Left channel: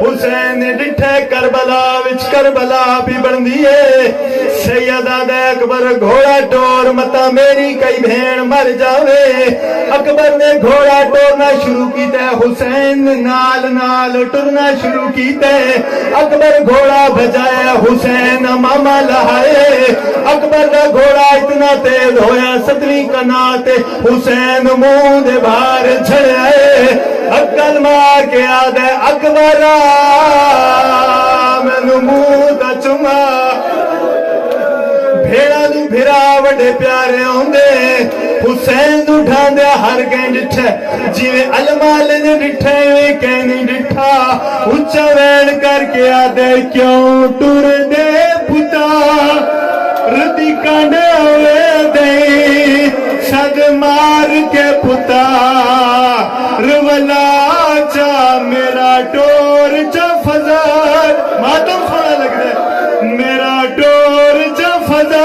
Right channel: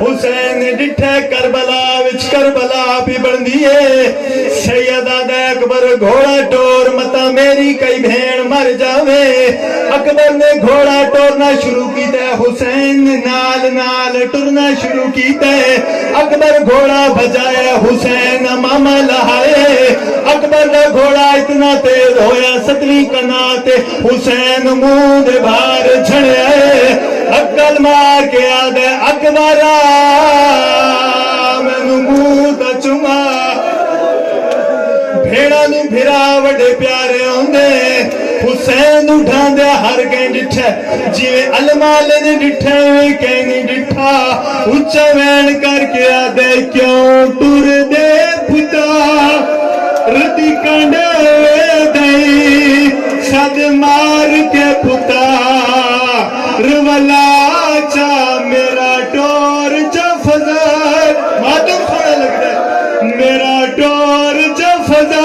حسین ڈٹھے کربلا وچ کربلا بھی بندی ہے سیدہ دے اکبر گھوڑا ٹور متا میری کئی بھین مر جاوے اکبر نے گھوڑا ٹورنا شروع کیتا ہے حسین نال نال ٹرنا شروع کیتا ہے اکبر گھوڑا بجایا حسین ماما لہائے اکبر کا گھوڑا اتنا تیز ہویا ستویں کنات حسین منہ دے باہر چھڑائے عقل مار کے آدھے اکبر میں منہ دا چما بھیڑا نو بھیرا وڈے پیارے ہوندے حسین اٹھا دیا ہر کہیں ڈٹھے جیوے علمالے نے ڈٹھے ہوئے کہیں ڈٹھا اچھا وین کر کے آدھے کیوں ٹور دے پتا ردی کانڈا ہوئے دئی سد مار کے پتا رولا چا میرا ٹور چا فضل ماتم سونا لگ رہا ہے میرا ٹور چا فضل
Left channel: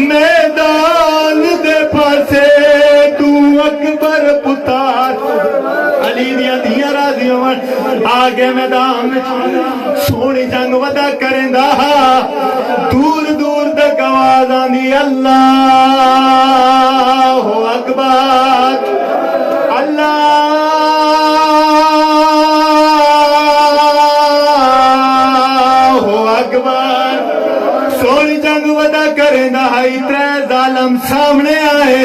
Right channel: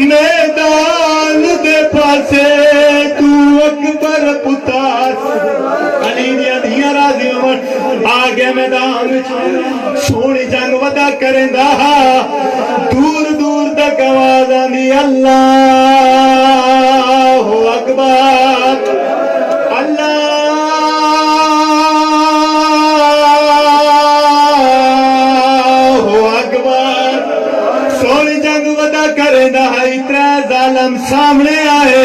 میدان دے پاسے تو اکبر پتار علی دیا دیا راضی عمر آگے میدان سونی جنگ ودا کریں دا دور دور تک آواز آنی اللہ اکبر اللہ اکبر سونی جنگ ودا کریں دا اترے ظالم سامنے آئے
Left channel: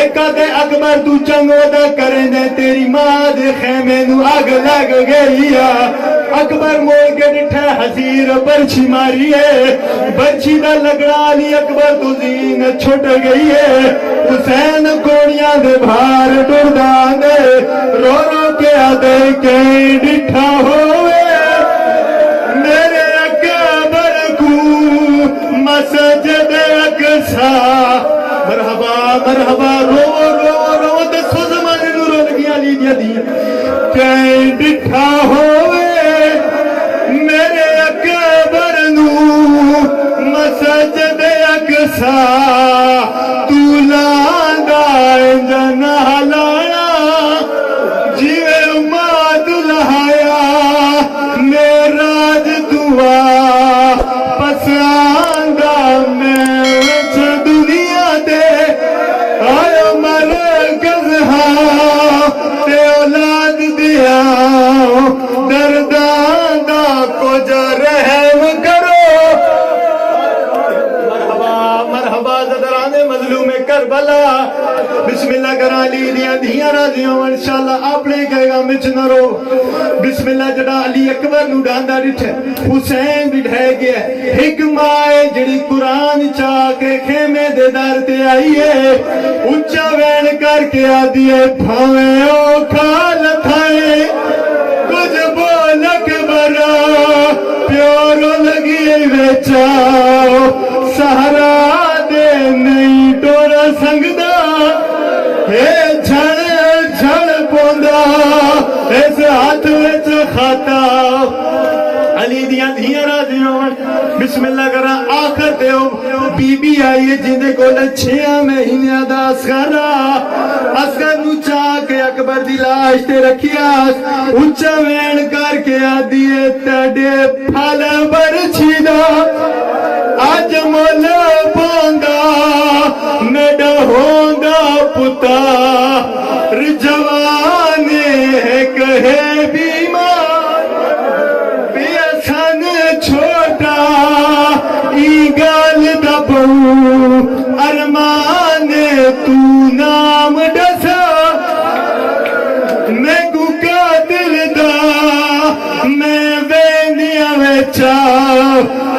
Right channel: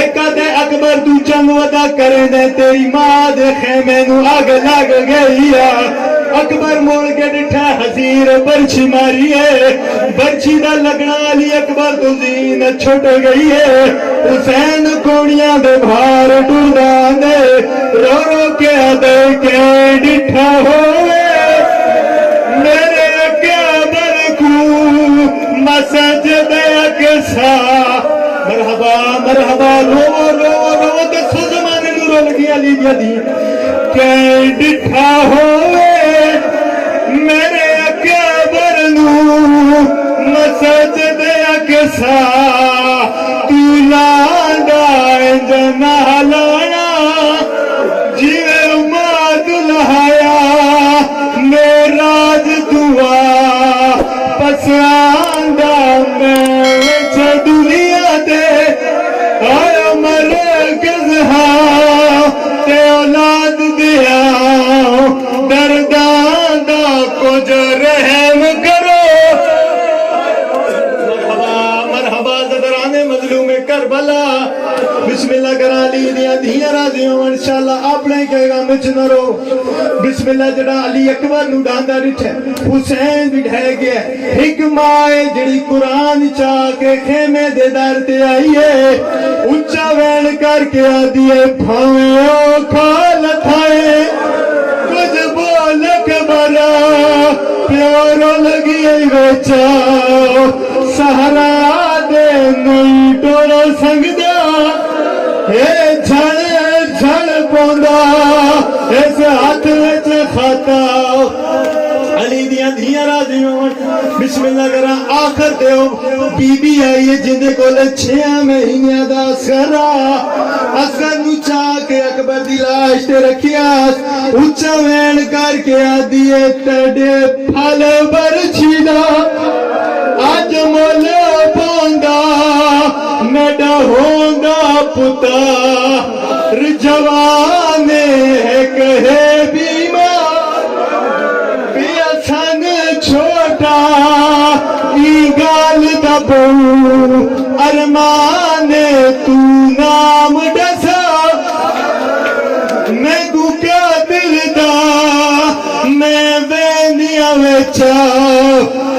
ایک دے اکبر تو جنگ ودا کریں دے تیری ماں دے خیمے نو آگ لگ گئی ہے اکبر موڑ کے ڈٹھا حسیر برچی ماری ہے برچی دا لگنا لی اکبر تو زین چھٹ گئی ہے حسین کونیاں دے بھار ڈوڑا دے رو رو کے آدھے کے ڈٹھا ہوئے میرے اکبر کو مسجد اقصا مرحبا مرحبا رو رو رو دکھو زمانے نو رول گیا لی دی کے ڈٹھا ہوئے میرے اکبر نو مسجد اقصا تو لاندا انجنا لانا جیوے اماد لہایا میراج دعا پساندا میں وچ دنیا دے آیا مرکز ہاں تے اولاد دیا دردان دا کچھ رحم کرو مرحبا مرحبا زدران مظلوم کربلا بسم اللہ کرا لی دیا دیا راضی ہوں انشاءاللہ آپ نے کہے گا مچ نہ رو بسم اللہ جڑا علی اکبر نو ڈاندہ ڈٹھے حسین بٹھے گیا ایک مائے جڑی قرآن چاہ کے خیمے دے دار تے آئی ہے اچھا وین کر کے آدھیے بھاویں او کھال تھائے کچھ بول اکبر پیارا لگی ویچا سہرا دے نہیں ٹورا سنگدا اے جھڑ جھڑ پوندا اس ہاتھ وچ خاتا علی دیا دیا راضی ہوں بسم اللہ کرا آخر دیو بی بی آئیے جندے کو لے 6 مہینے دا اسکر نو چاہ کے اکبر دی لاش تے رکھیا اچھا وین کر کے آدھیے تڑے پھل برچی دا آج مولا پوندا نڈا ہوندا پتا رجوانے ہے کہے بیمار پیا سن چھوٹا ای گال دبو ارمانے تو نام ڈسا میں گکا دل دا میں وینیا ویچا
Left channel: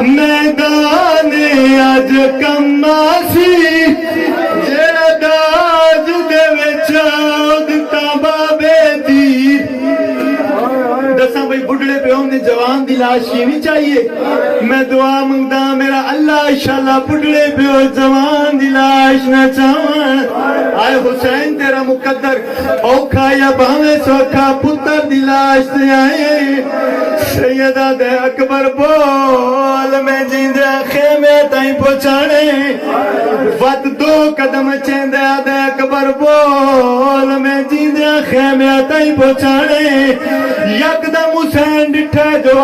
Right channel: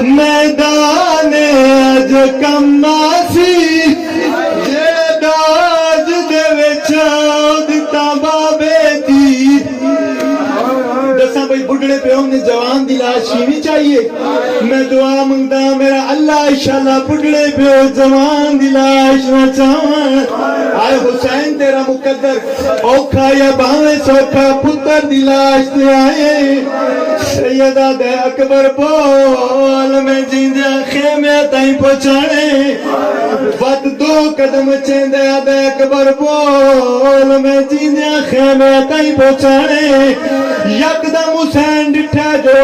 میدانے اج کماسی جیداز دے ویچا دتا بابے دی دساں بھئی بڑھڑے پہ ہم نے جوان دی لاش شیوی چاہیے میں دعا منگتا میرا اللہ انشاءاللہ بڑھڑے پہ ہو جوان دی لاش نہ چاہاں آئے حسین تیرا مقدر اوکھا یا باویں سوکھا پتر دی لاش دے آئے سیدہ دے اکبر بول میں جیندے خیمے تائیں پہنچانے وقت 2 قدم چیندے دے اکبر بول میں جیندے خیمے تائیں پہنچانے یک دم حسین